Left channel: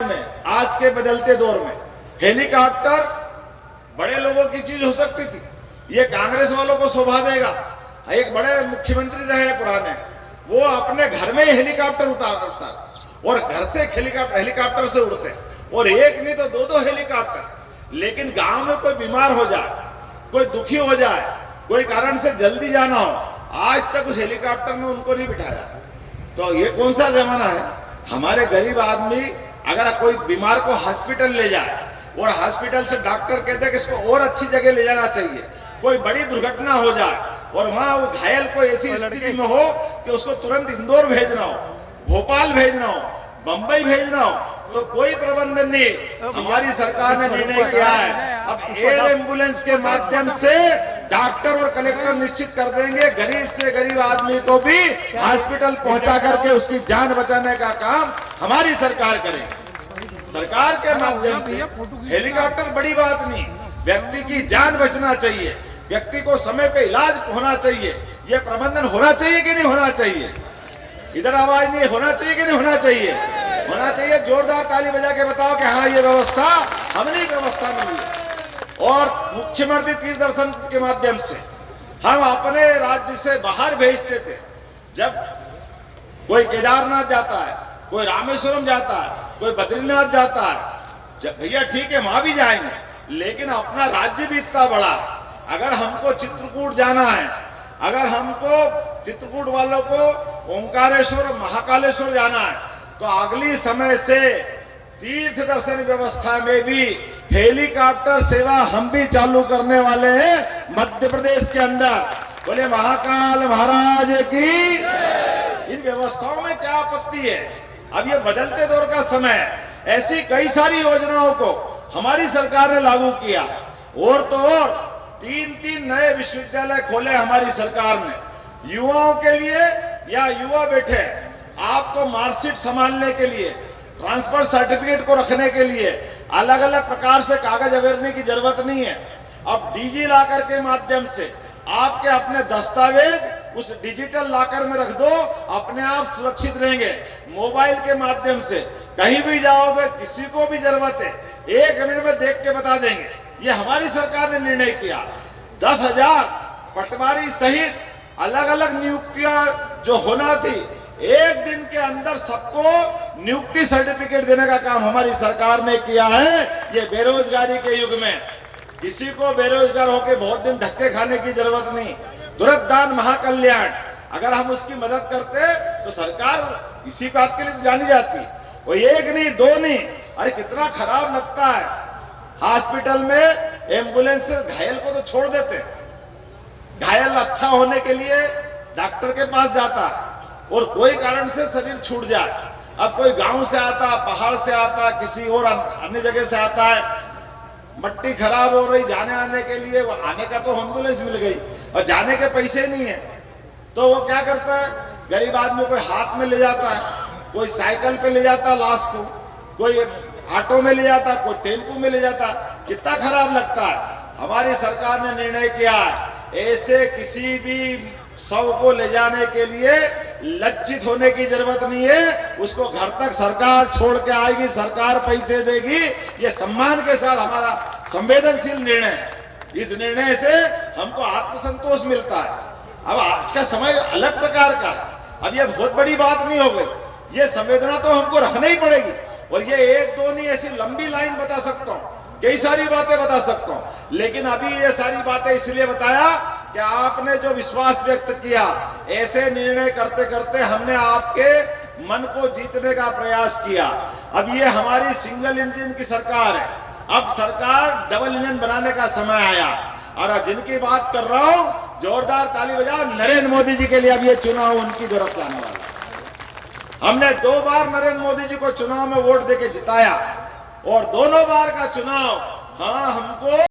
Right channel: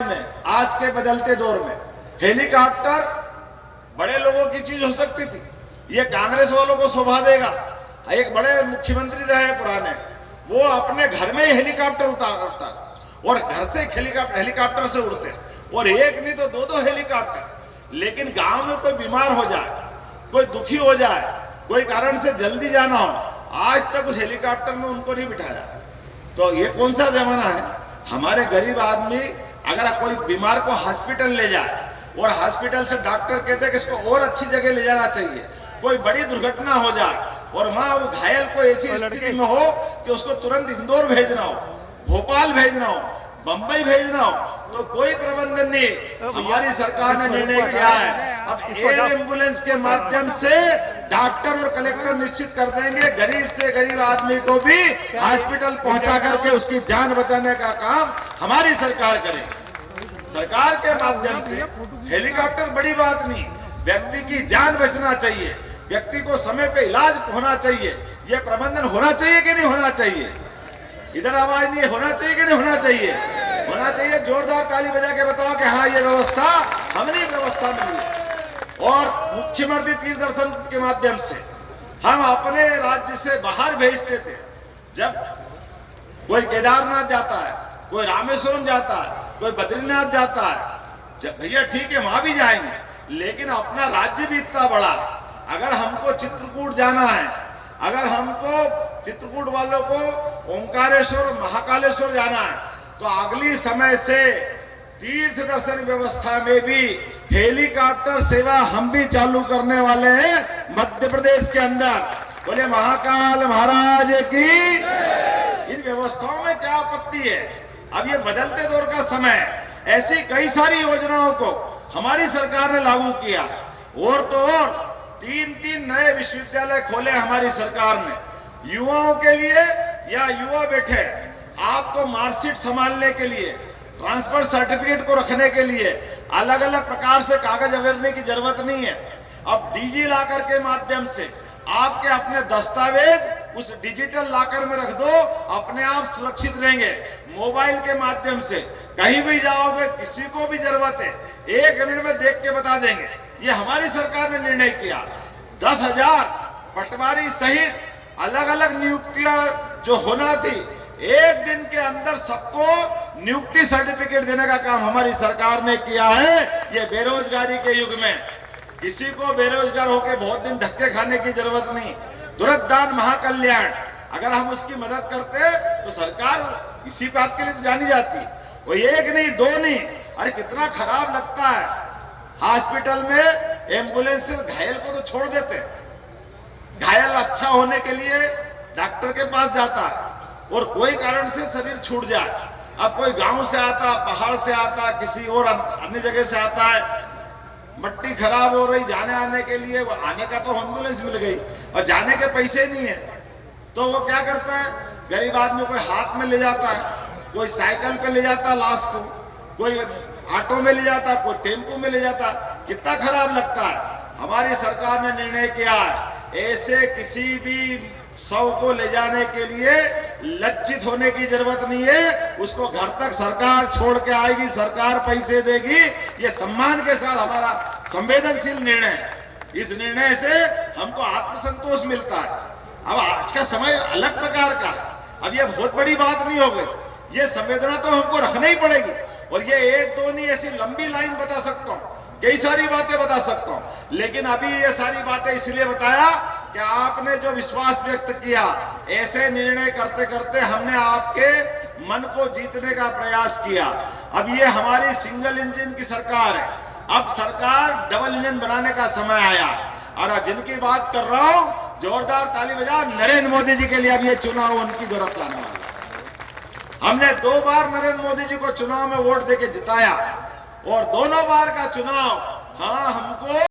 में आज के बदलते दौर में हेलीकॉप्टर बड़े लोगों की चीज हो सकती थी। ये कांग्रेस वालों को शोभा देगा। एक बड़े मुख्यमंत्री रहे पुराने, वो अपने घर में ही हेलीकॉप्टर उतारता और घर से हेलीकॉप्टर से उड़ते, और एक नहीं तो दो हेलीकॉप्टर। लेकिन गांव में कोई बीमार हो जाए, कोई दुखी हो जाए, कोई कारण से जल्दी जाना हो, आज तक उस हेलीकॉप्टर में उनको नहीं बिठाया। तो ये कौन सा जमाना है? हमारे गरीब आदमी अगर कोई बीमार को हॉस्पिटल ले जाए और हॉस्पिटल से डॉक्टर कहते हैं कि इसको और अच्छी जगह ले जाना चाहिए, कोई बड़ी दुर्घटना हो जाए और वहां वो घायल को ऐसी स्थिति में हो कि उसको तुरंत इंदौर भेजना हो, भोपाल भेजना हो, बंबई भेजना हो, तो कोई प्रबंधन नहीं। हमारी सरकार ने निर्णय किया है अब एयर एम्बुलेंस के माध्यम से डॉक्टर और कलेक्टर निश्चित कर देंगे, गरीब से गरीब आदमी को भी हॉस्पिटल पहुंचा करके उसकी जान बचाने का काम हमारी सरकार करेगी। सरकार के माध्यम से हेलीकॉप्टर बड़ी बात नहीं, व्यक्ति की जान बचना चाहिए, व्यक्ति को समय पे इलाज होना चाहिए। ये प्रबंधन होना चाहिए कि नहीं होना चाहिए? इधर आवाज नहीं, होना चाहिए कि नहीं होना चाहिए? होना चाहिए। जोरदार ताली बजा के बताओ कि हाँ, ये व्यवस्था हमने व्यवस्था मिली है। और मुख्यमंत्री तीर्थ दर्शन के माध्यम से हम अपने राज्य से बाहर भेजते थे। जब कोई केदारनाथ जाता है, कोई रामेश्वरम जाता है, कोई बद्रीनाथ जाता है, जब भैया ठीक है वहां भी जाएंगे, लेकिन अपना राज्य भी इतना बड़ा है। अगर हमको चित्रकूट जाना है, अगर हमको चित्रकूट वालों को ओंकारेश्वर महाकालेश्वर जाना है, तो अगली समय से तीर्थ दर्शन व्यवस्था में भी हेलीकॉप्टर सेवा हम भी चालू करने वाले हैं मध्य प्रदेश के अंदर। बोले महाकाल महाराज की। इन व्यवस्थाओं में क्या आपत्ति है? अब ये बदलते दौर का समय, ऐसी कई सारी योजनाओं को हमारी सरकार ने लागू किया। और तो और 3 नए विश्वविद्यालय खोले हमारी सरकार ने युवाओं के लिए। या युवा बैठे आपको मार्कशीट संभालने के लिए, ट्रांसफर सर्टिफिकेट को रखने के लिए अलग अलग प्रकार से कागज अवेरने की जरूरत नहीं है। अब डिजी लॉकर के माध्यम से आपके अपने दस्तावेज उस डिजिटल लॉकर में रख दो, अपने आप सुरक्षित रहेंगे। मोबाइल के माध्यम से कहीं भी जाओगे, किसी को भी जरूरत है 1 मिनट में देख के बता देंगे। ये हमारी सरकार ने निर्णय किया। 10,000 पटवारी सहित अलग अलग नियुक्तियां जो होना थी, 1 दिन के अंदर सबको नियुक्ति सर्टिफिकेट देने का काम हमारी सरकार ने किया है। ये बेरोजगारी के युग में किसी को बेरोजगार होकर बहुत दिन धक्के खाने की जरूरत नहीं। तुरंत दान महाकल्याण, अगर हम उसकी मदद करते तो सरकार इसी बात के लिए तो जानी जाती। वो 1 नहीं 2 नहीं, अरे कितना खराब लगता है। हॉस्पिटल में एम्बुलेंस से घायल को तो छोड़ देते, घायल अच्छा होने के लिए डॉक्टर के पास जाता है, और कोई कारण से शरीर छूट जाए। अब कोई गांव से आता, पहाड़ से आता, किसी और अन्य जगह से आता है, मट्टी खराब हो रही, जाने आने के लिए वो आने का तो एम्बुलेंस मिल गई और जाने के पैसे नहीं है, तो वो क्या करता है? गरीब आदमी कोई हाथ में ले जाता है, कोई साइकिल पे ले जाता है लाश को, कोई ऑटो में ले जाता, कोई टेम्पो में ले जाता। कितना खराब लगता है। हमारी सरकार ने निर्णय किया है ऐसे किसी भी शव को ले जाने के लिए लज्जित होने की जरूरत नहीं है। उसको घर तक सरकार छोड़ के आएगी, सरकार पैसे देगी। ये सम्मान के साथ हमारा संवेदनशील निर्णय है। इस निर्णय से हमको आत्मसंतोष मिलता है। अब आज का समय अलग प्रकार का है। अब ये बहुत बड़ी बात नहीं हो गई। ये संवेदना तो हमको रखना ही पड़ेगी। और ये 1-2 नहीं, ऐसी लंबी लाइन बता सकता हूँ, कई सारी बातें बता सकता हूँ, लेकिन अभी ये सारी बातें इसलिए बताया कि आपने जो विश्वास व्यक्त किया, ऐसे निर्णय करते करते हमने आपके मन को जीतने का प्रयास किया। अब ये हमारी सिंगल इंजन की सरकार है। अब सरकार डबल इंजन बनाने का समय आया। और जिनकी बात कर रहा हूं, जोरदार ताली बजाओ नरेंद्र मोदी जी के लिए। अब ये चुनाव उनकी जरूरत आने वाला। हमने 2 बार नरेंद्र मोदी जी को चुनाव में वोट देके जिताया, और दोनों बार का चुनाव हाँ हमको